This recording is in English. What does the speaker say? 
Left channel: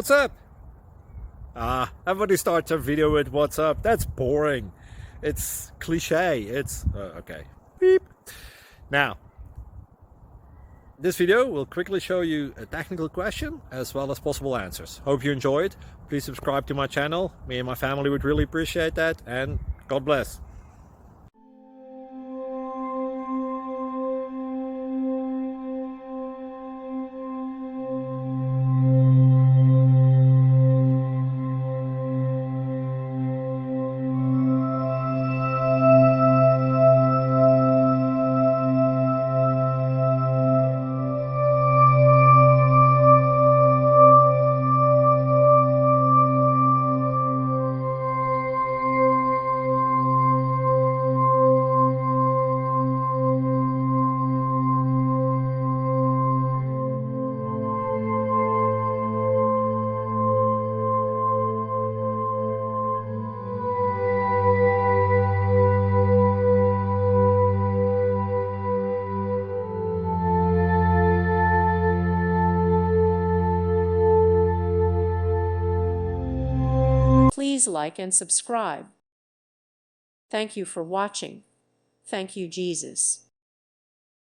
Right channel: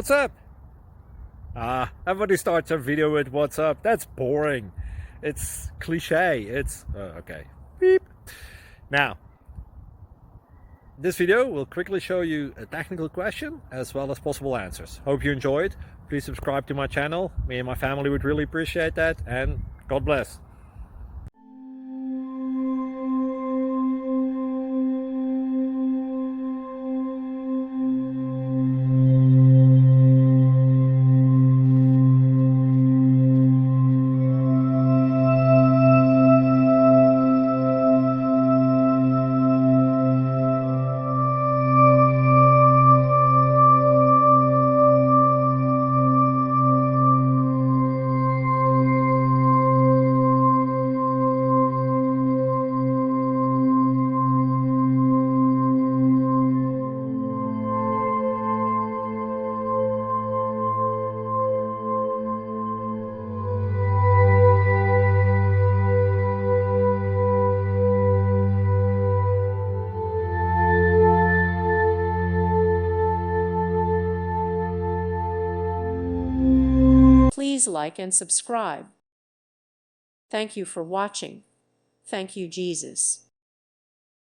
What's up? Everybody starts their video with what's up. That's boring. It's cliche. It's okay. Beep. Now, this video will quickly show you a technical question as well as possible answers. Hope you enjoyed. Please subscribe to my channel. Me and my family would really appreciate that, and God bless. Please like and subscribe. Thank you for watching. Thank you, Jesus.